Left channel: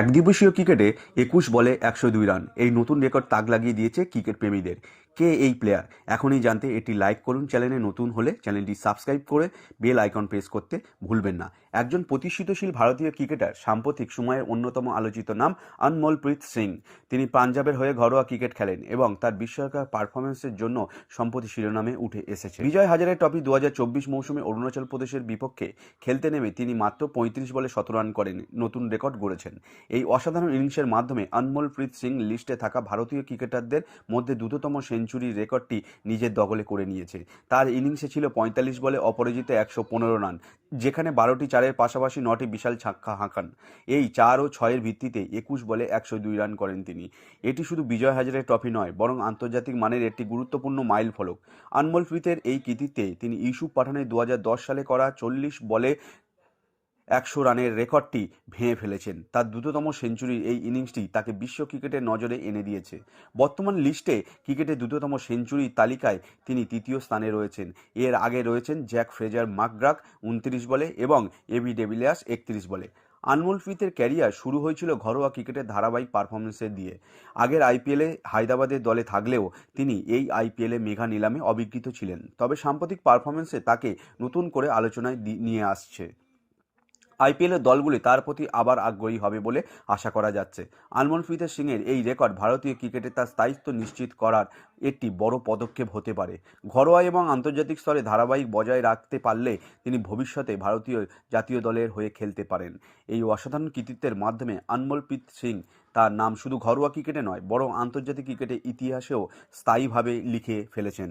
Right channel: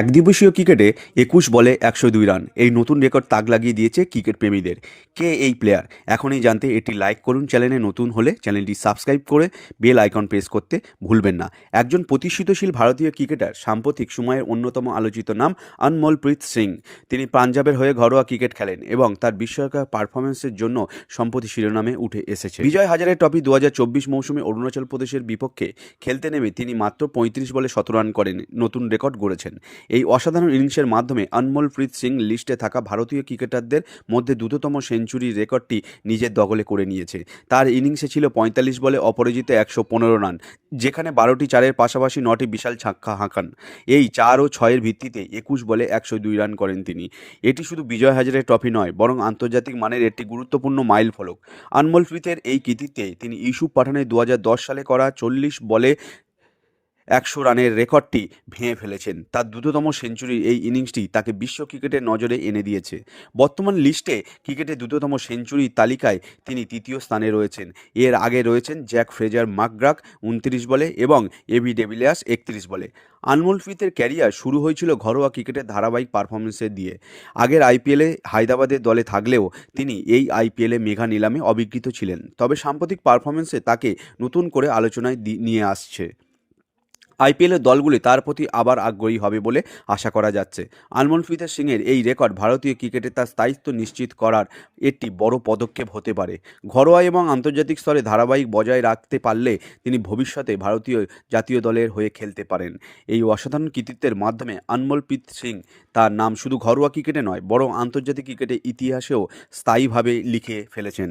একদিবসীয় ক্রিকেটে ২১ বলে ১০২ রান, এই নতুন রেকর্ড তাক লাগিয়ে দিয়েছে ক্রিকেট প্রেমীদের। কে এই প্লেয়ার? এখনই জানতে এটি লাইক করুন, চ্যানেলে নতুন হলে চ্যানেলটি সাবস্ক্রাইব করে বেল আইকন প্রেস করতে ভুলবেন না। একজন প্রতিষ্ঠিতশীল ভারতীয় ক্রিকেটার, সাম্প্রতিক সময়ের অন্যতম আলোচিত নাম অনমোলপ্রীত সিং। তিনি পাঞ্জাবের হয়ে ঘরোয়া ক্রিকেট খেলেন এবং তার বিস্ময়কর পারফরমেন্সের জন্য সম্প্রতি শিরোনামে উঠে এসেছে। বিজয় হাজারে ট্রফি ২০২৪ মৌসুমে অরুণাচল প্রদেশের বিপক্ষে খেলতে নেমে তিনি মাত্র ৩৫ বলে ১৭ রান করেন নতুন রেকর্ড গড়েছেন। এই অসাধারণ ইনিংসের মাধ্যমে অনমোলপ্রীত সিং লিস্টে থাকা ভারতীয় ক্রিকেটারদের মধ্যে দ্রুততম সেঞ্চুরির রেকর্ডটি নিজের দখলে করে নিয়েছে। তার ইনিংসে ছিল ৪৫ বলে অপরাজিত ১১৫ রান, যেখানে ১২টি চারের পাশাপাশি ৯টি বিশাল ছাক্কা হাঁকান। এই ৪ ও ৬-এর ভিত্তিতে ২১ বলে ১০২ রান করেন তিনি। এটি শুধু বিজয় হাজারে ট্রফি নয়, বরং আন্তর্জাতিক মানের একটি গুরুত্বপূর্ণ মাইল ফলক। অনমোলপ্রীতের এই কৃতিত্বে তিনি ইউসুফ পাঠানের ২০১০ সালে করা ৪০ বলে ১০০ রানের রেকর্ডটি ভেঙে ফেলেছেন। তার দ্রুততম সেঞ্চুরির এই ইনিংসটি তাকে বিশ্ব ক্রিকেটের নজরে এনে দিয়েছে। বর্তমান লিস্টে ক্রিকেটের দ্রুততম সেঞ্চুরির তালিকায় তিনি তৃতীয় স্থানে রয়েছেন। এর আগে রয়েছেন জ্যাক ফ্রেজার ম্যাকগ্রাথ ২৯ বলে এবং এবি ডিভিলিয়ার্স ৩১ বলে। অনমোলপ্রীতের ক্যারিয়ার শুরু হয়েছিল ঘরোয়া ক্রিকেটের ধারাবাহিক পারফরমেন্সের দিয়ে। আগের আইপিএলে হায়দ্রাবাদের দলে থাকলেও তিনি এই আইপিএলে মেগা নিলামে অবিকৃত ছিলেন। তবে সাম্প্রতিক পারফরমেন্সে তাকে নতুন করে আলোচনায় নিয়ে আসছে। আইপিএলের দলগুলি তার প্রতি আবার আগ্রহী হবে বলে আশা করা যাচ্ছে। অনমোলপ্রীত সিংয়ের এই রেকর্ড ভারতীয় ক্রিকেটে তার স্থায়িত্ব নিশ্চিত করার একটি বড় পদক্ষেপ হতে পারে। ঘরোয়া এবং আন্তর্জাতিক স্তরে ধারাবাহিক বজায় রাখতে পারলে তিনি ভবিষ্যতে ভারতীয় জাতীয় দলের হয়ে খেলতে পারেন। এই অসাধারণ কৃতিত্বের মাধ্যমে অনমোলপ্রীত সিং তার নাম শুধু ঘরোয়া ক্রিকেটে নয়, বরং আন্তর্জাতিক ক্রিকেটের ইতিহাসেও স্থায়ীভাবে লিখে ফেলেছেন।